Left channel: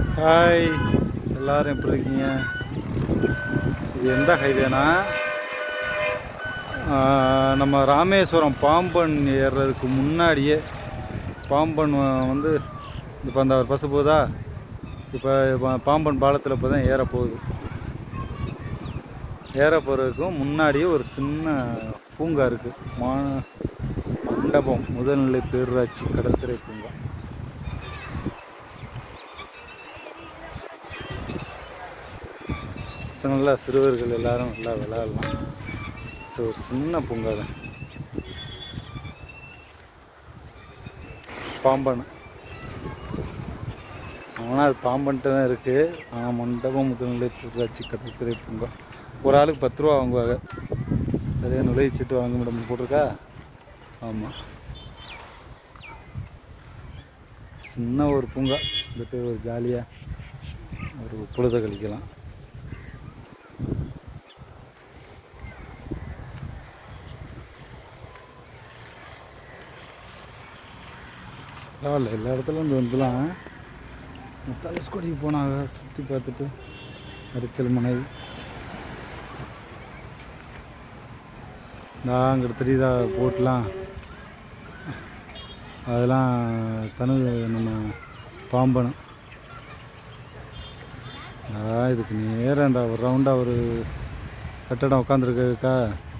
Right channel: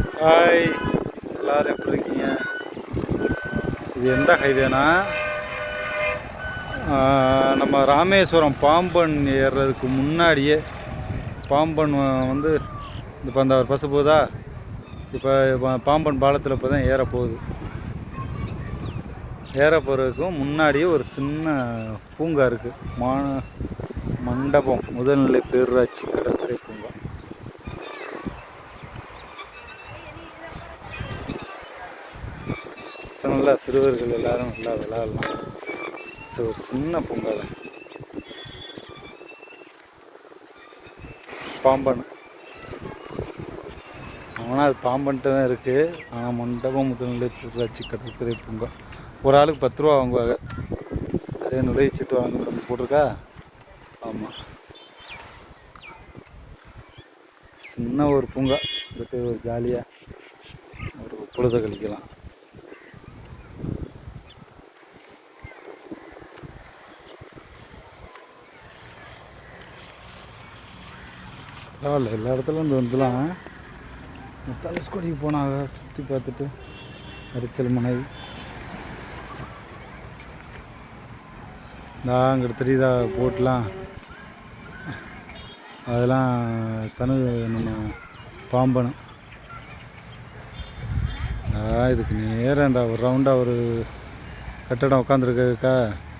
Hi, எல்லோரும் எப்படி இருக்கீங்க? இது எந்த ஹைவேனா? நம்ம ராமேஸ்வரம் பாம்பன் ஏறுறதுக்கு முன்னாடியே பாம்பன் வந்து இப்போ அந்த ஒரு பஸ் போகுதா, இப்போ பாம்பன் பாலத்தில் இப்போ தான் ஏற போகுது. ஏற போகிறதுக்கும் முன்னாடியே ஒரு சின்ன பூங்கா இருக்குது. மண்டபம் முதல்நிலை பேரூராட்சி கடற்கரை பூங்கா. நல்லா சிறுவர்கள் எல்லாரும் நல்லா விளையாடலாம். ஒரு சின்ன பூங்கா தான் பாம்பன். ஆனால் அது பாம்பன்ட்டு தான் இருக்குது. ஆனால் மண்டபம் முதல்நிலை பேரூராட்சி கடற்கரை பூங்கா. ஒரு ஆளுக்கு 10 ரூபா வாங்குவாங்க. அதே நுழைச்சிட்டு வாங்க முடியும் போட்டிருக்கா. ஆமாம், சின்ன ஒரு பூங்கா. இந்த ஒரு ஜாலியாக ஒரு பொழுதை கழிக்கலாம். பரவாயில்ல, எல்லா இடத்துலையும் வந்து வந்துலாம். தனுஷ்கோடிக்கு போனாங்க, சுற்றி பார்த்துட்டு அரிச்சல் மனை அங்கிட்ட தெரியுதா போட்லாம். அதெல்லாம் நம்ம பாம்பன். இதுக்கு நேராக அந்த ஒரு ரவுண்டாக ஒரு கட்டடம் உட்காந்துருக்கா,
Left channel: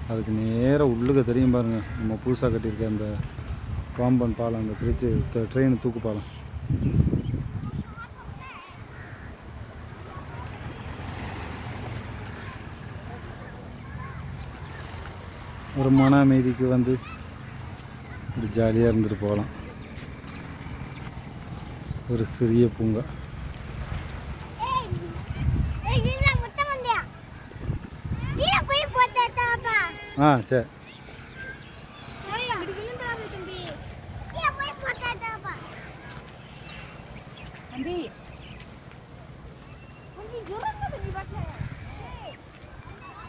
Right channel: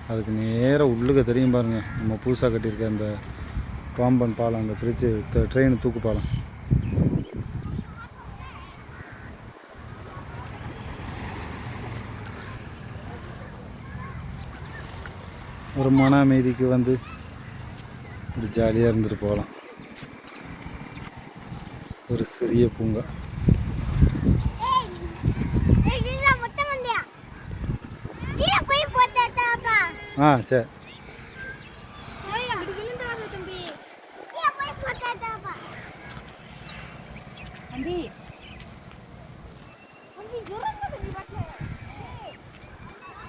அதுக்கு நேராக உள்ளுக்க தெரியும் பாருங்கள். நம்ம புதுசாக கட்டியிருக்க அந்த பாம்பன் பாலம், அந்த பிரிட்ஜு ட்ரெயின் தூக்கு பாலம். ஒரு மன அமைதிக்கு வந்து ஒரு ஜாலியாக இருந்துட்டு போகலாம். ஒரு சிறிய பூங்கா. சரி.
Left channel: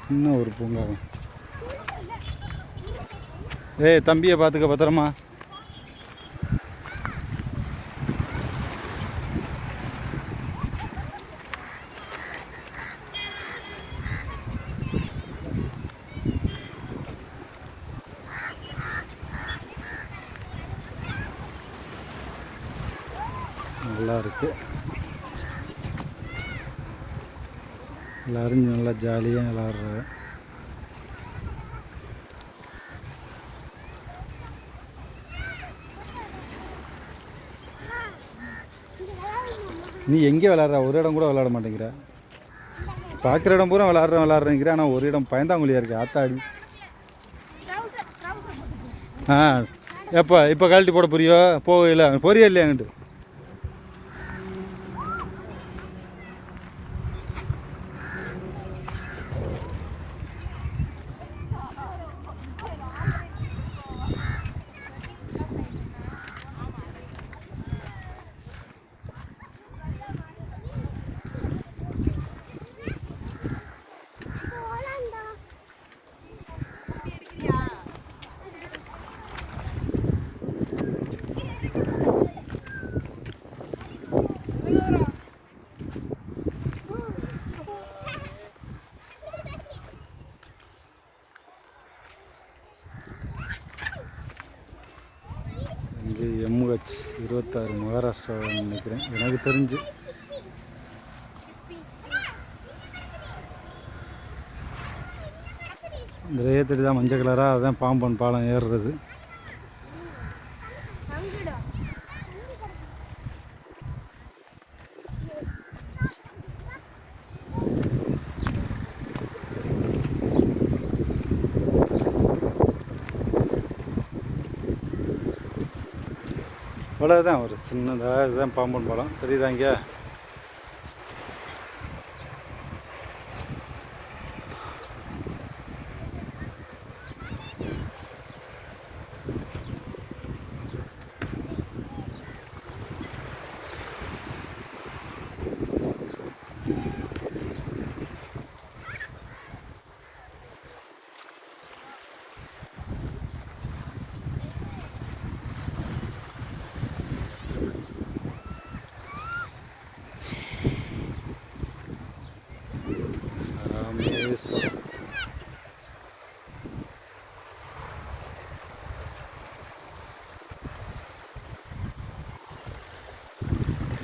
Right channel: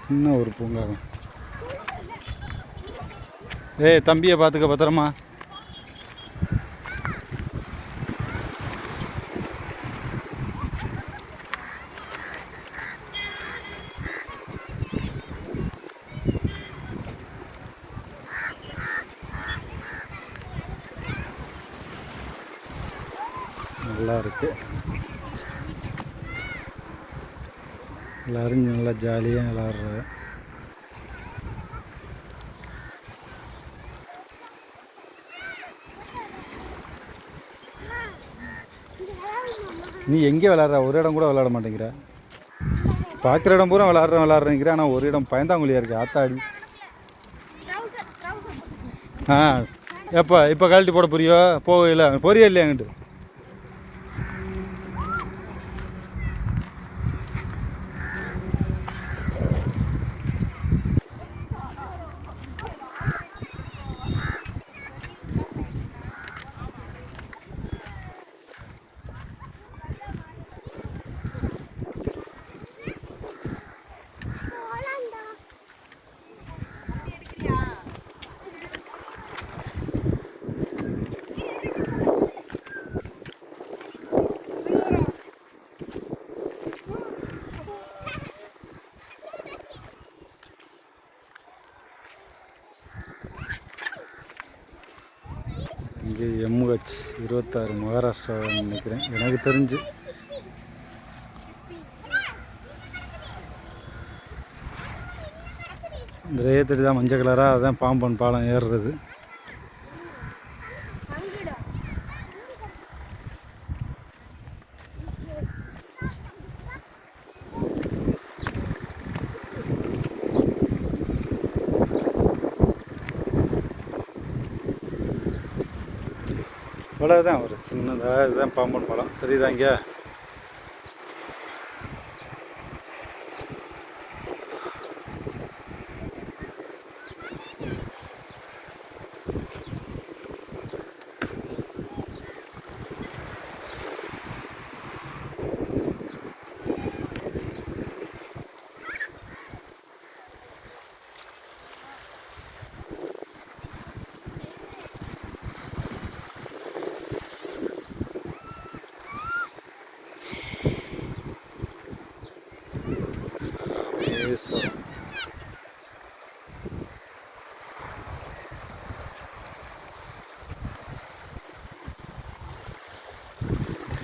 சின்ன ஒரு பூங்கா. ஏய் தம்பியை பார்த்துக்க, பத்திரமா. நல்லா இருக்கு. எல்லாரும் நல்லா ஜாலியாக விளாட்றாங்க. நீ எங்கே விளாட்ற? ஒரு இடம் கூட விளாட மாட்டேங்கிற. பார்க்குற இடம் பூரா விளாட்றேங்கிற. ஆனால் ஒரு இடம் பயந்தாங்குழியாக இருக்குது. ஆத்தாடி. இப்போ கழட்டி போட போறியோ? போகல போறியா இல்லையா? அங்கிட்டு இங்கே MH 26 மகாராஷ்டிராவில் நினைக்கிறேன், எனக்கு தெரிஞ்சு. இந்த ரேத்தடி தான் மஞ்சள் கலராக, அதுதான் பாம்பன் பாலம் ஏறுறது. அவ்வளோதான், ஒரு சின்னதாக இதுதான் பாம்பன் பாலம். தெரியுதா இங்கே?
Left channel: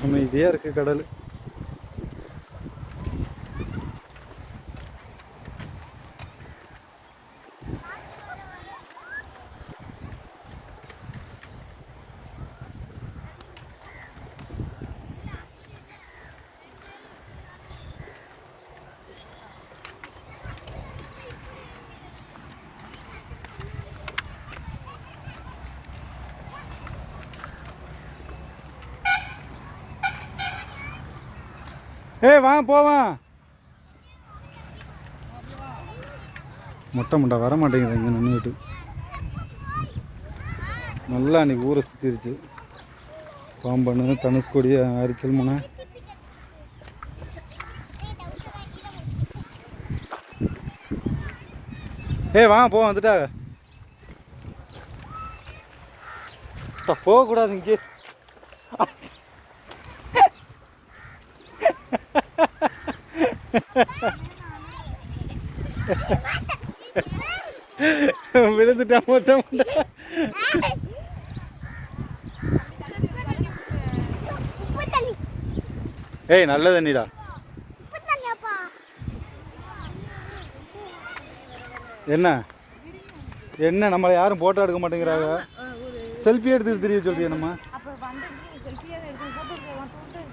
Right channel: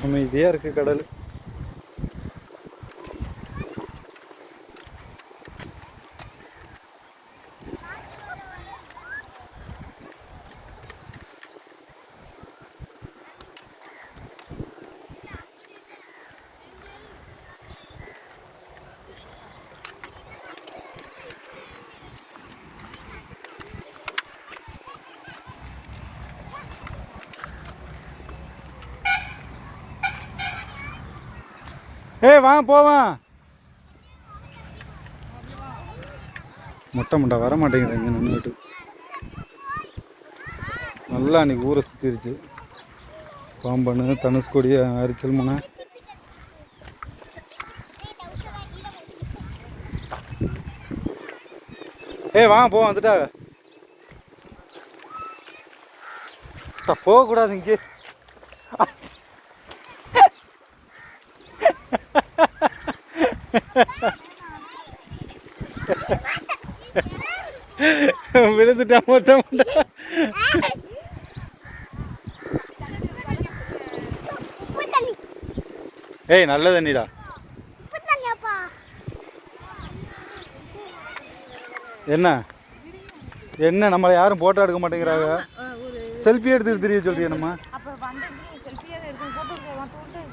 அமைதியாக இருக்குது கடல். ஏய் வா போவான். மொட்டை முண்டா வர மாட்டேங்குது இங்கே நின்றுட்டு. நல்லா அன்றைக்கி ஊரை சுற்றிருச்சு. பாம்பண்ணு, தனுஷ்கோடி, அரிச்சல் முனை. ஏய் வா போ வந்துட்டா. போகக்கூடாது இங்கே. விழுந்துட்டா மொட்டை முண்டை. ஏய் நல்ல தண்ணிடா. என்ன என்ன நம்மளை யாரும் போட்டோ எடுக்க மாட்டேங்கிறாங்க. செல்ஃபி எடுத்துட்டு தெரிய சொல்றியா நம்ம.